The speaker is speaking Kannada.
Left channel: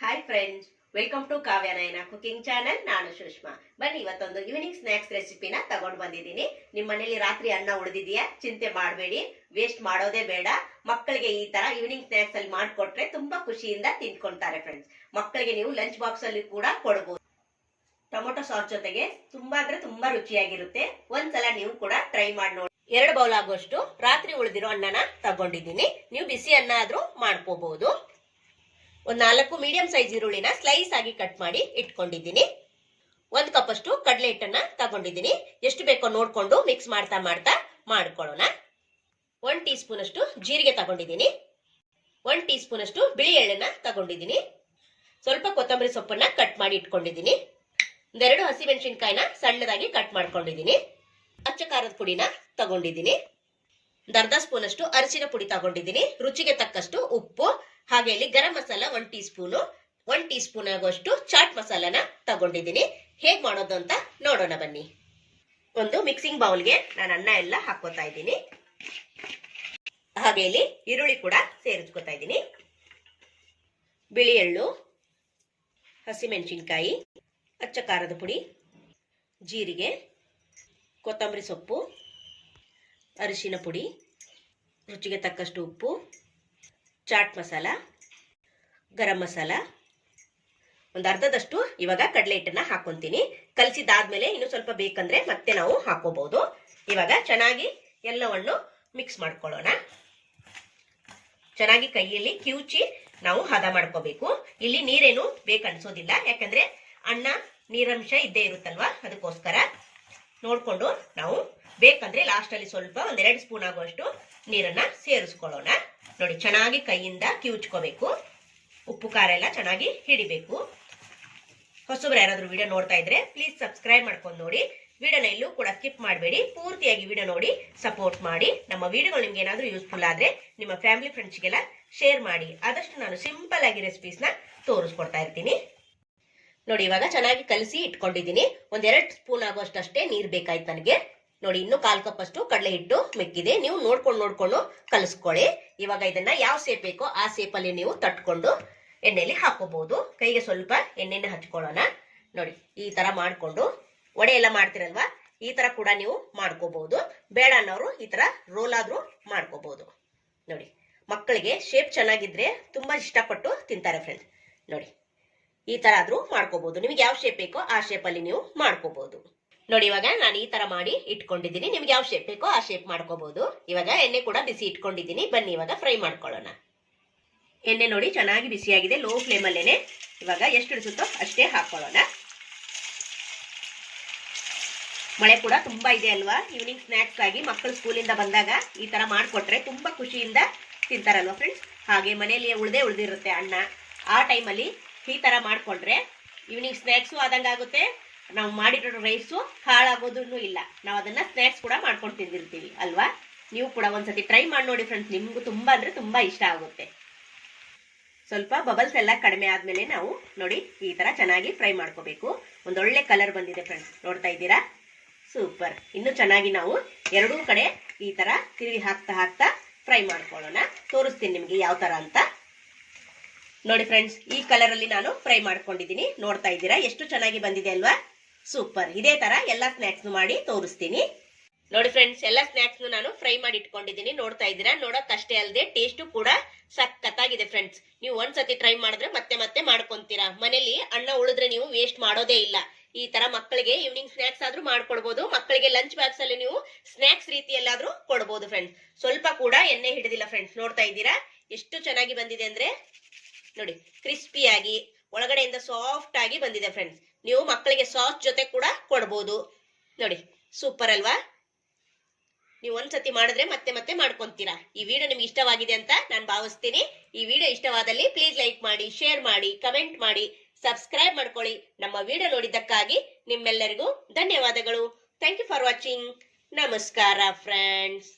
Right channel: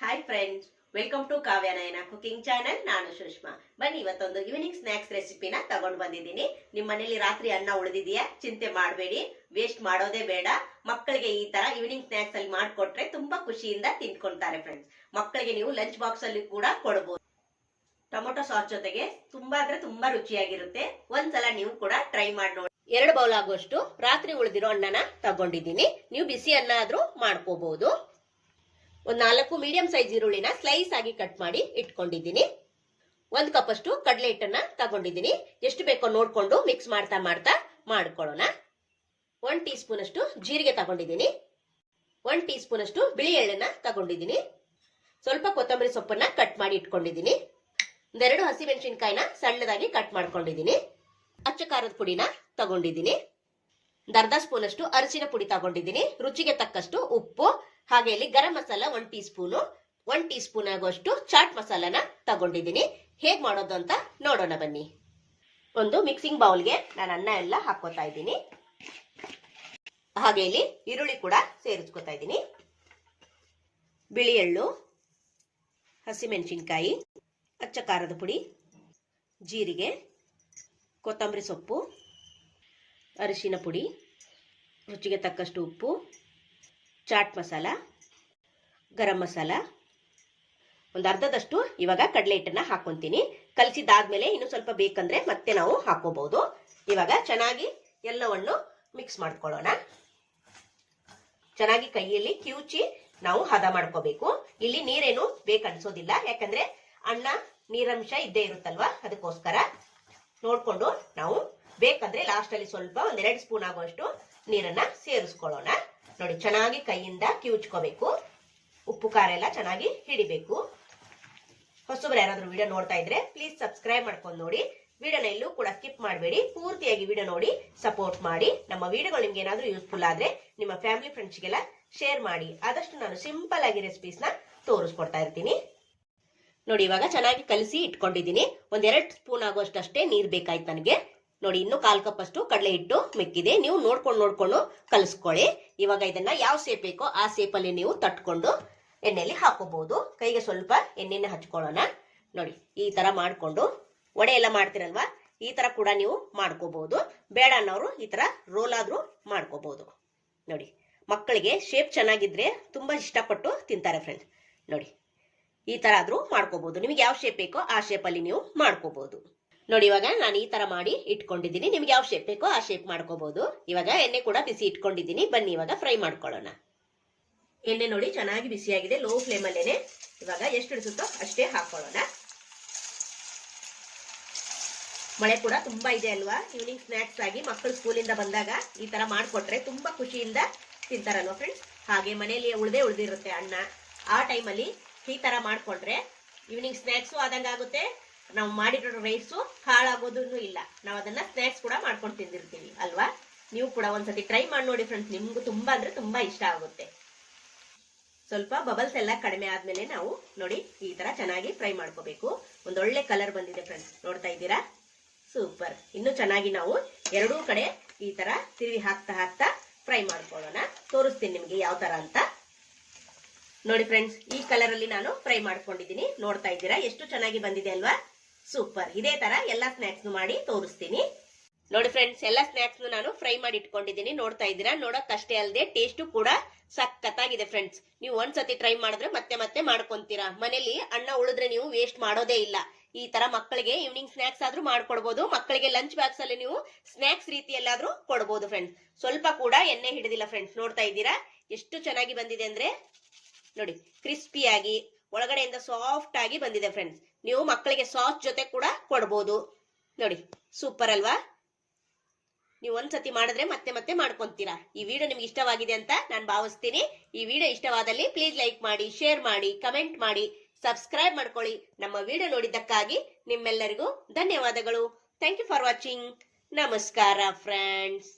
Hi friends welcome to Kavya Nayana cooking channel ನಾನು ಸುಷ್ಮಾ. ಬನ್ನಿ ಇವತ್ತೊಂದು ಈವ್ನಿಂಗ್ ಸ್ನಾಕ್ಸ್ ರೆಸಿಪಿನ ತಗೊಂಡು ಬಂದಿದ್ದೀನಿ. ನಿಮ್ಮ ಮನೇಲಿ ರಾತ್ರಿ ಅನ್ನ ಉಳಿದಿದೆಯಾ? ಚಿಂತೆ ಮಾಡಬೇಡಿ. ವೇಸ್ಟ್ ಮಾಡೋದೇ ಬೇಡ. ಮಕ್ಕಳಿಗೆ ಈ ತರ ಈವ್ನಿಂಗ್ ಸ್ನಾಕ್ಸ್ ಅಲ್ಲಿ ಮಾಡಿಕೊಟ್ರೆ ತುಂಬಾ ಖುಷಿಯಿಂದ ತಿನ್ಕೊಂತಾರೆ ಫ್ರೆಂಡ್ಸ್ ಮಕ್ಕಳಿಗೆ ನೀವು ಲಂಚ್ ಬಾಕ್ಸ್ ಅಲ್ಲಿ ಕೂಡ ಕೊಡಬಹುದು ಟೊಮೊಟೊ ಸಾಸ್ ಜೊತೆಗೆ ತುಂಬಾ ಅಂದ್ರೆ ತುಂಬಾ ರುಚಿಯಾಗಿರುತ್ತೆ. ಒಂದ್ಸಲ ನೀವು ಕೂಡ ಟ್ರೈ ಮಾಡಿ ನೋಡಿ. ಎರಡು ಬೌಲ್ ಆಗುವಷ್ಟು ರಾತ್ರಿ ಉಳಿದಿರೋ ಅನ್ನನ ತಗೊಂಡಿದ್ದೀನಿ. ನೀವು ಬಿಸಿ ಅನ್ನ ಆದ್ರೂ ಮಾಡ್ಕೋಬಹುದು ಒಂದ್ ನಾಲ್ಕು ಮೀಡಿಯಂ ಸೈಜ್ ಈರುಳ್ಳಿನ ಸ್ಲೈಸ್ ಆಗಿ ಕಟ್ ಮಾಡಿ ಇಟ್ಕೊಂಡಿದ್ದೀನಿ. ಒಂದ್ ಕಪ್ ಅಷ್ಟು ಕಡಲೆ ಹಿಟ್ಟನ್ನ ತಗೊಂಡಿದ್ದೀನಿ. ಎಷ್ಟು ಬೇಕೋ ನೋಡ್ಕೊಂಡು ಮಿಕ್ಸ್ ಮಾಡ್ತಾ ಮಾಡ್ತಾ ಮಾಡ್ಕೊಳ್ಳೋಣ. ಒನ್ ಟೀ ಸ್ಪೂನ್ ಅಷ್ಟು ಜೀರಿಗೆ ತಗೊಂಡಿದ್ದೀನಿ. ಒನ್ ಟೀ ಸ್ಪೂನ್ ಅಷ್ಟು ಬಿಳಿ ಎಳ್ಳನ್ನ ತಗೊಂಡಿದ್ದೀನಿ. ಸ್ವಲ್ಪ ಕೊತ್ತಂಬರಿ ಸೊಪ್ಪನ್ನ ಕಟ್ ಮಾಡಿ ಇಟ್ಕೊಂಡಿದ್ದೀನಿ. ಒಂದೆರಡು ಹಸಿಮೆಣಸಿನ್ಕಾಯಿನ ಸಣ್ಣದಾಗಿ ಕಟ್ ಮಾಡ್ಕೊಂಡಿದ್ದೀನಿ. ಅಚ್ಚ ಖಾರದ ಪುಡಿನ ತಗೊಂಡಿದ್ದೀನಿ. ಒಂದು ಅರ್ಧ ಸ್ಪೂನ್ ಅಷ್ಟು ಅರಿಶಿನ ಪುಡಿ ತಗೊಂಡಿದ್ದೀನಿ. ರುಚಿಗೆ ತಕ್ಕಷ್ಟು ಉಪ್ಪು ಹಾಗೆ ಇಲ್ಲಿ garam masala one teaspoon one teaspoon ಆಗುವಷ್ಟು ಚಾಟ್ ಮಸಾಲಾನ ತಗೊಂಡಿದ್ದೀನಿ. ಹೇಗ್ ಮಾಡೋದು ಅಂತ ನೋಡೋಣ ಬನ್ನಿ. ಒಂದು ಮಿಕ್ಸಿಂಗ್ ಬೌಲ್ಗೆ ನಾನು ಅನ್ನ ಎಲ್ಲ ಹಾಕೋತಾ ಇದ್ದೀನಿ. ಹಾಗೆ ಇಲ್ಲಿ ಈರುಳ್ಳಿ ಕೂಡ ಸೇರಿಸ್ಕೊತಾ ಇದ್ದೀನಿ. ಬಿಳಿ ಎಳ್ಳು ಹಸಿಮೆಣಸಿನ್ಕಾಯಿ ಅಚ್ಚ ಖಾರದ ಪುಡಿ, ಜೀರಿಗೆ, ಕೊತ್ತಂಬರಿ ಸೊಪ್ಪು, ಅರಿಶಿನ ಪುಡಿ, ರುಚಿಗೆ ತಕ್ಕಷ್ಟು ಉಪ್ಪು ಚಾಟ್ ಮಸಾಲ, ಗರಂ ಮಸಾಲ, ಒಂದು ಅರ್ಧದಷ್ಟು ಇವಾಗ ಕಡಲೆ ಹಿಟ್ಟನ್ನ ಹಾಕೊಂತೀನಿ. ಕಲಸಿದಾದ್ಮೇಲೆ ಇನ್ನು ಸ್ವಲ್ಪ ಬೇಕಂದ್ರೆ ಮತ್ತೆ ನಾವು ಹಾಕೋಬಹುದು. ಇವಾಗ ಚೆನ್ನಾಗಿ ಎಲ್ಲವನ್ನು ಮಿಕ್ಸ್ ಮಾಡ್ಕೊಳ್ಳೋಣ. ಚೆನ್ನಾಗಿ ಕೈಯಲ್ಲಿ ಕಿವುಚಿ ನಾವು ಹದ ಮಾಡ್ಕೋಬೇಕು. ಇಲ್ಲಿ ನೀರೇನು ಬೇಕನ್ಸೋದಿಲ್ಲ ಯಾಕಂದ್ರೆ ಅನ್ನ, ನೀರಂಶ ಇದ್ದೇ ಇರುತ್ತಲ್ವಾ? ಅದಕ್ಕೋಸ್ಕರ ನೋಡ್ಕೊಂಡು ನಾವು ಬೇಕಂದ್ರೆ ಲಾಸ್ಟ್ ಅಲ್ಲಿ ಸ್ವಲ್ಪ ಒಂದೆರಡು ಸ್ಪೂನ್ ಆಗುವಷ್ಟು ನೀರನ್ನ ಸೇರಿಸ್ಕೊಳ್ಳೋಣ. ನೋಡಿ, ಚೆನ್ನಾಗಿ ಕೈಯಿಂದ ಕಿವುಚ್ಕೋಬೇಕು. ಉಪ್ಪು, ಖಾರ ಎಲ್ಲ ಚೆನ್ನಾಗಿ ಹಿಡಿಬೇಕು. ಹೊಸಬ್ರು ಯಾರಾದ್ರೂ ವಿಡಿಯೋ ನೋಡ್ತಾ ಇದ್ರೆ ಪ್ಲೀಸ್ ಸಬ್ಸ್ಕ್ರೈಬ್ ಮಾಡ್ಕೊಂಡು ನೋಡಿ. ವಿಡಿಯೋನ ಎಲ್ಲೂ ಕೂಡ ಸ್ಕಿಪ್ ಮಾಡಬೇಡಿ. ಪೂರ್ತಿಯಾಗಿ ವಿಡಿಯೋ ನೋಡಿ ಸಪೋರ್ಟ್ ಮಾಡಿ. ನಮ್ಮ ವಿಡಿಯೋಗಳು ನಿಮ್ಗೆ ಏನಾದರೂ ಯೂಸ್ಫುಲ್ ಆದ್ರೆ ನಿಮ್ಮ ಫ್ಯಾಮಿಲಿ ಫ್ರೆಂಡ್ಸ್ಗೆಲ್ಲ ಶೇರ್ ಮಾಡಿ. ಆದಷ್ಟು ನಾನು ಸಿಂಪಲ್ ಆಗಿ ರೆಸಿಪೀಸ್ನ ತೋರಿಸ್ಕೊಡ್ತಾ ಇರ್ತೀನಿ. ನೋಡಿ, ಇವಾಗ ಚೆನ್ನಾಗಿ ಕಲಸಿ ಇಟ್ಕೊಂಡಿದ್ದೀನಿ. ಒಂದೆರಡು ಸ್ಪೂನ್ ಆಗುವಷ್ಟು ಅಷ್ಟೇ ನೀರ್ ಬೇಕಾಯ್ತು ನನಗೆ. ನೋಡಿ, ಇನ್ನು ಕಾಲ್ ಕಪ್ ಅಷ್ಟು ಕಡಲೆ ಹಿಟ್ಟು ಮಿಕ್ಕಿದೆ. ನೀವು ನೋಡ್ಕೊಂಡು ನೋಡ್ಕೊಂಡು ಕಲಿಸ್ಕೊಳ್ಳಿ. ಇವಾಗ ಇದನ್ನ ಯಾವ ಸೇಪ್ ಬೇಕೋ ಆ ಸೇಪ್ ಅಲ್ಲಿ ನೀವು ತಟ್ಕೊಂಡು ಎಣ್ಣೆಯಲ್ಲಿ ಹಾಕೋಬಹುದು. ಕೈಗೆ ಸ್ವಲ್ಪ ಎಣ್ಣೆನ ಹಚ್ಕೊಳ್ಳೋಣ. ನೋಡಿ, ಈ ತರ ಮಾಡ್ಕೊಂಡು ವಡೆ ಎಲ್ಲ ಮಾಡ್ತೀರಲ್ವಾ? ಈ ತರ ಕೂಡ ನೀವು ಮಾಡ್ಕೋಬಹುದು. ಬೇಡ ಅನ್ನೋರು ಈ ತರ ರೋಲ್ ಆದ್ರೂ ಮಾಡ್ಕೋಬಹುದು. ನೋಡಿ, ಮಕ್ಕಳಿಗೆ ಶೇಪ್ ಚೆನ್ನಾಗಿದ್ರೆ ತುಂಬಾ ಇಷ್ಟಪಟ್ಟು ತಿಂತಾರೆ ಫ್ರೆಂಡ್ಸ್ ನೋಡಿ, ಈ ತರ ಆದ್ರೂ ಮಾಡ್ಕೋಬಹುದು. ನಿಮ್ಗೆ ಯಾವ ಶೇಪ್ ಬೇಕೋ ಆ ಶೇಪ್ ಅಲ್ಲಿ ನೀವು ಮಾಡ್ಕೋಬಹುದು. ನೋಡಿ, ಇವಾಗ ನಾನು ಈ ತರ ಮಾಡಿ ಇಟ್ಕೊಂಡಿದ್ದೀನಿ. ನಿಮ್ಗೆ ಯಾವ ಶೇಪ್ ಬೇಕೋ ಆ ಶೇಪ್ ಮಾಡ್ಕೋಬಹುದು ಇವಾಗ ಎಣ್ಣೆ ಕೂಡ ಬಿಸಿ ಇಟ್ಕೊಂಡಿದ್ದೀನಿ. ಬನ್ನಿ, ಇವಾಗ ಫ್ರೈ ಮಾಡ್ಕೊಳ್ಳೋಣ. ಎಣ್ಣೆ ನೋಡಿ ಚೆನ್ನಾಗಿ ಬಿಸಿಯಾಗಿದೆ ಲೋ ಫ್ಲೇಮ್ ಅಲ್ಲೇನೆ. ಇವಾಗ ಎಷ್ಟು ಹಿಡಿಸುತ್ತೋ ಅಷ್ಟೇ ಹಾಕೊಳ್ಳೋಣ. ಮಳೆ ಕೂಡ ತುಂಬಾ ಇದೆ ಅಲ್ವಾ? ಈವ್ನಿಂಗ್ ಸ್ನಾಕ್ಸ್ ಆಗಿ ಮಕ್ಕಳು ಸ್ಕೂಲಿಂದ ಬಂದಾಗ ಈ ತರ ಮಾಡ್ಕೊಟ್ರೆ ತುಂಬಾ ಖುಷಿಯಿಂದ ತಿಂತಾರಲ್ವಾ ಫ್ರೆಂಡ್ಸ್ ಹಾಗೆ ಮನೆಯಲ್ಲಿ ಉಳ್ದೇ ಉಳ್ದಿರುತ್ತೆ ಅಣ್ಣ ಆ ಟೈಮಲ್ಲಿ ಈ ತರ ಮಾಡ್ಕೊಂಡ್ರೆ ಈವ್ನಿಂಗ್ ಸ್ನಾಕ್ಸು ಆದಂಗಾಗುತ್ತೆ. ನಾವು ಮಾಡಿರೋ ರೈಸು ಹಾಳಾಗೋದೂ ಇಲ್ಲ. ನಾವು ಅದನ್ನ ಸ್ನಾಕ್ಸ್ ಕೂಡ ಮಾಡ್ಕೊಂಡು ತಿಂದಿರ್ತೀವಿ ಅಲ್ವಾ? ನೀವು ಕೂಡ ಒಂದ್ಸತಿ ಟ್ರೈ ಮಾಡಿ ನೋಡಿ ಫ್ರೆಂಡ್ಸ್ ನಿಮ್ಗೂ ತುಂಬಾ ಅಂದ್ರೆ ತುಂಬಾ ಇಷ್ಟ ಆಗುತ್ತೆ. ಸ್ವಲ್ಪ ಬಬಲ್ಸ್ ಎಲ್ಲ ಕಡಿಮೆ ಆದ್ಮೇಲೆ ನಾವು ನೋಡಿ ಈ ತರ ಚೆನ್ನಾಗಿ ಫ್ರೈ ಮಾಡ್ಕೋಬೇಕು. ಒಂದೊಳ್ಳೆ ಕಲರ್ ಬಂದಿದೆ ಫ್ರೆಂಡ್ಸ್ ನೋಡ್ತಾ ಇದ್ದೀರಾ? ಸೂಪರ್ ಇನ್ನು ಚೆನ್ನಾಗಿ ನಾವು ಎರಡೂ ಕಡೆ ಈ ತರ ತಿರುಗಿ ಹಾಕ್ತಾ ಹಾಕ್ತಾ ಫ್ರೈ ಮಾಡ್ಕೊಳ್ಳೋಣ. ತೋರಿಸ್ತೀನಿ ನಿಮ್ಗೆ ಯಾವ ತರ ಅಂತ. ನೋಡಿ ಫ್ರೆಂಡ್ಸ್ ಈ ಕಲರ್ ಅಲ್ಲಿ ನಾನು ಫ್ರೈ ಮಾಡ್ಕೊಂಡಿದ್ದೀನಿ. ನೋಡ್ತಾ ಇದ್ದೀರಾ? ಎಷ್ಟು ಚೆನ್ನಾಗಿ ಬಂದಿದೆ ಅಲ್ವಾ? ಸೂಪರ್ ಇದೇ ತರ ಎಲ್ಲಾ ಸ್ನಾಕ್ಸ್ ಮಾಡಿ ತೋರಿಸ್ತೀನಿ. ನೋಡಿ ಫ್ರೆಂಡ್ಸ್ ಎಲ್ಲಾ ಸ್ನಾಕ್ಸ್ ನಾನು ಫ್ರೈ ಮಾಡಿ ಇಟ್ಕೊಂಡಿದ್ದೀನಿ. ನೋಡ್ತಾ ಇದ್ದೀರಾ? ನೋಡೋಕ್ಕಷ್ಟೇ ಅಲ್ಲದೆ ಟೇಸ್ಟು ಕೂಡ ಸಖತ್ತಾಗಿದೆ ಫ್ರೆಂಡ್ಸ್ ನೀವು ಒಂದ್ಸತಿ ಟ್ರೈ ಮಾಡಿದ್ರೆ ಮತ್ತೆ ಮತ್ತೆ ಮಾಡ್ಕೊಂತೀರಾ. ಮನೇಲಿ ಅನ್ನ ಉಳಿದ್ರೆ ನೀವು ವೇಸ್ಟ್ ಮಾಡೋದೇ ಇಲ್ಲ. ಈ ತರ ಮಕ್ಕಳಿಗೆ ಈವ್ನಿಂಗ್ ಸ್ನಾಕ್ಸ್ ಆದ್ರೂ ಮಾಡ್ಕೊಡ್ಬೋದು. ಮಕ್ಕಳಿಗೆ ಲಂಚ್ ಬಾಕ್ಸ್ ಅಲ್ಲಿ ನೀವು ಸ್ನಾಕ್ಸ್ ರೀತಿಯಲ್ಲಾದ್ರೂ ಕೊಡ್ಬೋದು ಫ್ರೆಂಡ್ಸ್ ಸ್ವಲ್ಪ ಕೂಡ ಎಣ್ಣೆ ಹಿಡಿದಿಲ್ಲ ಫ್ರೆಂಡ್ಸ್ ನೋಡ್ತಾ ಇದ್ದೀರಾ? ಎಷ್ಟು ಚೆನ್ನಾಗಿ ಬಂದಿದೆ ಅಂದ್ರೆ ನೋಡಿ ಕ್ರಿಸ್ಪಿಯಾಗಿ ಒಳಗಡೆಯಿಂದ ಸಾಫ್ಟ್ ಆಗಿ ಬಂದಿದೆ ಫ್ರೆಂಡ್ಸ್ ನೀವು ಮಕ್ಕಳಿಗೆ ಸಾಸ್ ಜೊತೆ ಕೂಡ ಕೊಡ್ಬೋದು. ನೋಡಿ ಸೂಪರ್ ಅಲ್ವಾ? ನೀವು ಒಂದ್ಸತಿ ಮಾಡಿದ್ರೆ ಮತ್ತೆ ಮತ್ತೆ ಮಾಡ್ಕೊಂತೀರಾ. ಈ ವಿಡಿಯೋ ನಿಮ್ಗೆ ಇಷ್ಟವಾಗಿದೆ ಅಂತ ನಾನು ಭಾವಿಸ್ತೀನಿ. ಈ ವಿಡಿಯೋ ಇಷ್ಟವಾದಲ್ಲಿ ಪ್ಲೀಸ್ ಲೈಕ್ ಮಾಡಿ ಶೇರ್ ಮಾಡಿ ಕಮೆಂಟ್ ಮಾಡಿ ಸಬ್ಸ್ಕ್ರೈಬ್ ಮಾಡ್ಕೊಳ್ಳಿ. ನಮ್ಮ ವಿಡಿಯೋ ನೋಡಿದ್ದಕ್ಕಾಗಿ ನಿಮ್ಮೆಲ್ಲರಿಗೂ ಧನ್ಯವಾದಗಳು. ಥ್ಯಾಂಕ್ ಯು ಫಾರ್ ವಾಚಿಂಗ್ ನಮಸ್ಕಾರ ಫ್ರೆಂಡ್ಸ್